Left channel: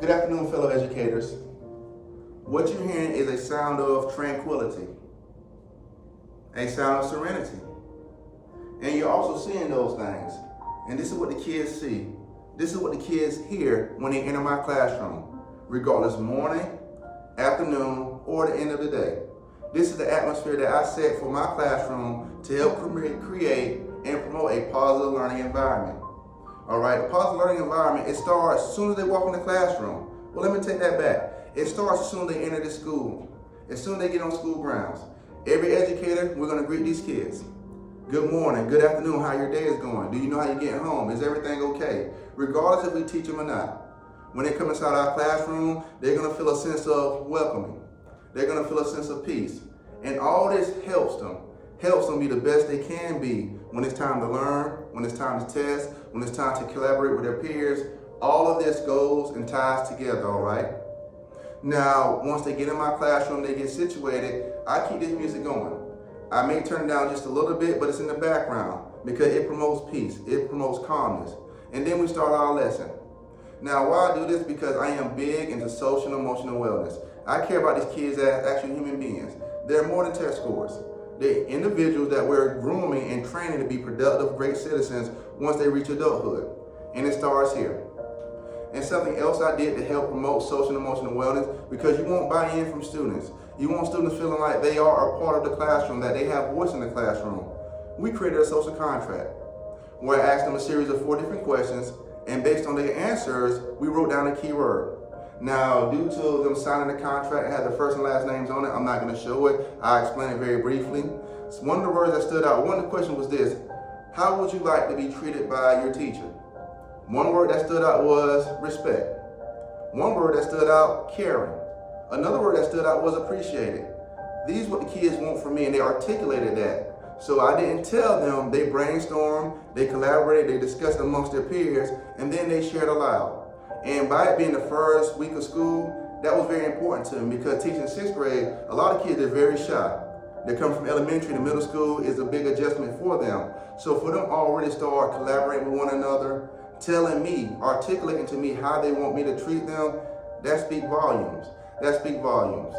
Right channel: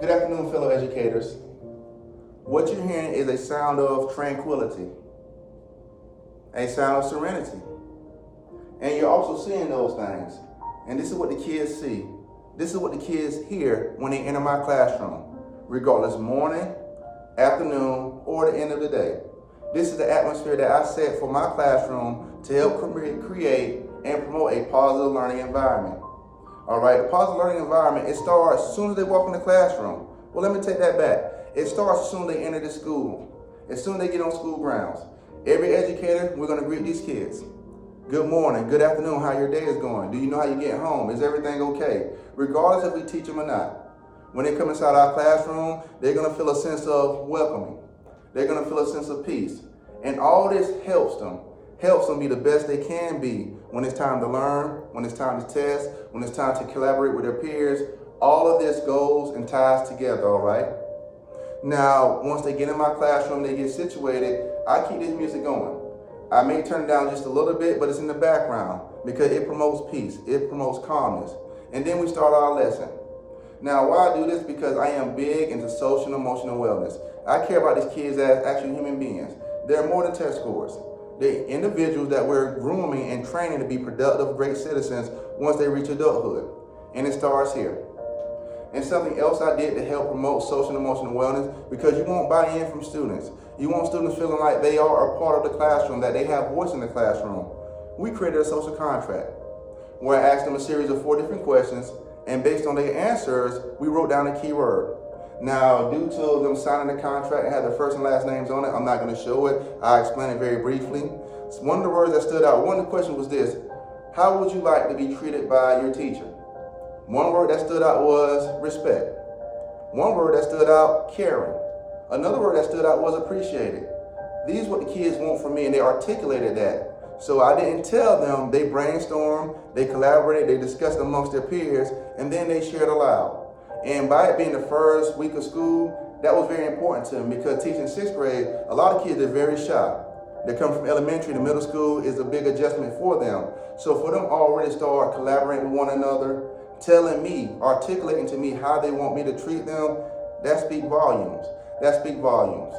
Good afternoon, fellow educators. What you're hearing is a sound of tranquility, a sound of serenity. And you're also seeing those things. And this is what the kids see. This is what the kids hear when they enter my classroom, regardless morning, afternoon, or the end of the day. This is the atmosphere that I set for my classroom to help create and promote a positive learning environment. All right, a positive learning environment, it starts as soon as they walk in the classroom. Well, let me take that back. It starts as soon as they enter the school, as soon as they get on school grounds. Every educator, we're gonna greet these kids. Good morning, good afternoon, how your day is going? Do you know how you're getting home? Is everything okay? Regardless if we teach them or not. When they come inside our classroom, they're gonna feel a sense of welcoming. They're gonna feel a sense of peace. And all this helps them be the best they can be when it's time to learn, when it's time to test, when it's time to collaborate with their peers. All of this goes and ties together, all right? Now, once they get in my classroom, they get situated, I keep this music going. I may turn it down just a little bit, but it's in the background because it promotes peace, it promotes calmness. And then we start our lesson. Now, why I do this? Because I am big into social and emotional wellness. I care about these kids as actual human beings. They're more than test scores. They're individuals that we're grooming and training to be productive, great citizens once they reach adulthood. And it starts here. And something else I did to help promote social and emotional wellness, because you won't buy in from students. You want students feeling like they are a part of the classroom, that they have voice in the classroom. We created a social contract where I asked them a series of 4 different questions, and based on their answers, we wrote down a key word. Now, due to them signing the contract, it had their first and last names on it. I'm not going to show it. I'll explain it very briefly. One of the words that stood out, one of the questions was this: how would you like to be treated by your teacher? One word that stood out was respect. One word that stood out, caring. Another word that stood out was appreciated. These are what the kids want from me, and they articulated that. So I didn't tell them, they brainstormed, they collaborated, they discussed amongst their peers, and then they shared aloud. And by it being the first week of school, that was very important to them, because teaching 6th grade, a lot of kids are very shy. They come from elementary to middle school is a big adjustment for them. So for them already start collaborating with one another, telling me, articulating to me how they want me to treat them, that speaks volumes. That speaks volumes.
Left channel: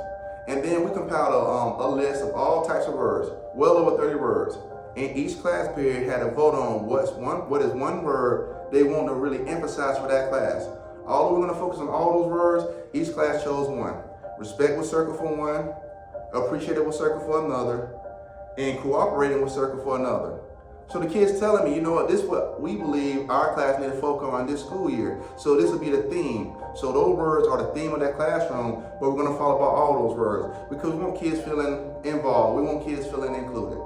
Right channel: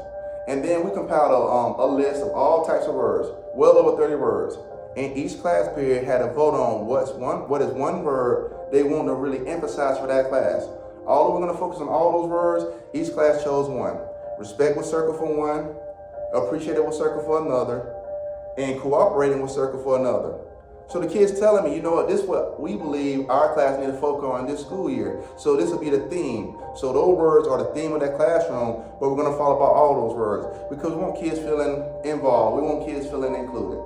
And then we compiled a list of all types of words, well over 30 words. And each class period had a vote on what is one word they want to really emphasize for that class. Although we're going to focus on all those words, each class chose one. Respect was circled for one, appreciated was circled for another, and cooperating was circled for another. So the kids telling me, you know what, this is what we believe our class need to focus on this school year. So this will be the theme. So those words are the theme of that classroom, but we're going to follow about all those words because we want kids feeling involved. We want kids feeling included.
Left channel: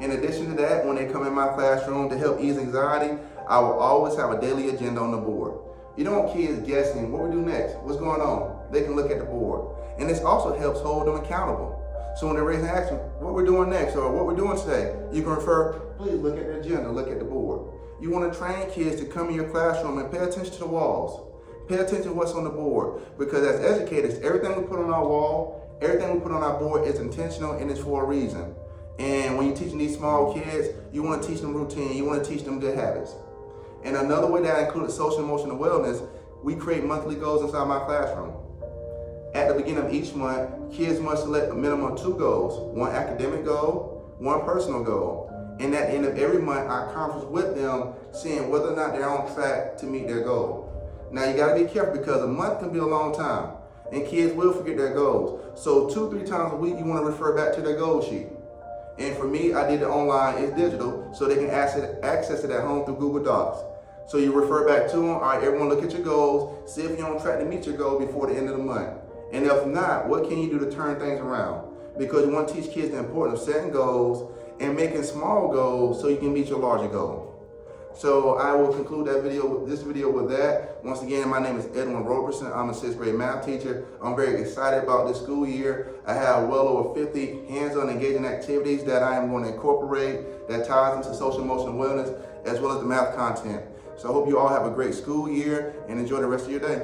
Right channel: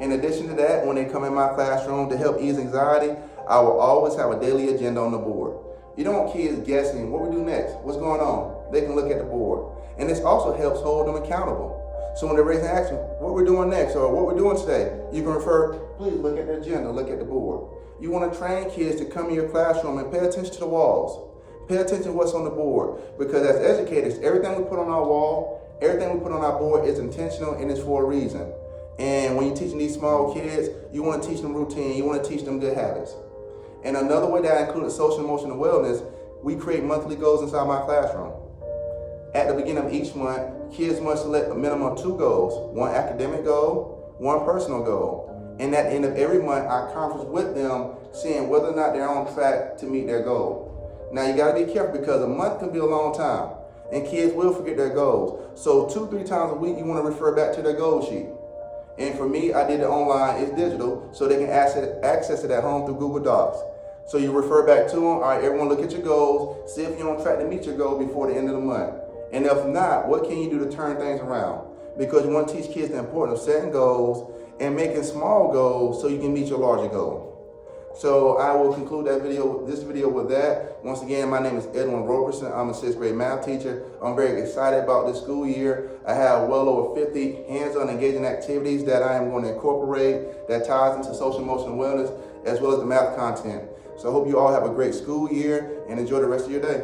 In addition to that, when they come in my classroom to help ease anxiety, I will always have a daily agenda on the board. You don't want kids guessing what we do next, what's going on. They can look at the board. And this also helps hold them accountable. So when they're raising action, what we're doing next or what we're doing today, you can refer, please look at the agenda, look at the board. You want to train kids to come in your classroom and pay attention to the walls. Pay attention to what's on the board. Because as educators, everything we put on our wall, everything we put on our board is intentional and it's for a reason. And when you're teaching these small kids, you want to teach them routine, you want to teach them good habits. And another way that I included social and emotional wellness, we create monthly goals inside my classroom. At the beginning of each month, kids must select a minimum of 2 goals, one academic goal, one personal goal. And at the end of every month, I conference with them, seeing whether or not they're on track to meet their goal. Now you gotta be careful because a month can be a long time and kids will forget their goals. So 2-3 times a week, you wanna refer back to their goal sheet. And for me, I did it online, it's digital, so they can access it at home through Google Docs. So you refer back to them, all right, everyone look at your goals, see if you're on track to meet your goal before the end of the month. And if not, what can you do to turn things around? Because you want to teach kids the importance of setting goals and making small goals so you can meet your larger goal. So I will conclude this video with that. Once again, my name is Edwin Roberson. I'm a 6th grade math teacher. I'm very excited about this school year. I have well over 50 hands-on engaging activities that I am going to incorporate that ties into social emotional wellness as well as the math content. So I hope you all have a great school year and enjoy the rest of your day.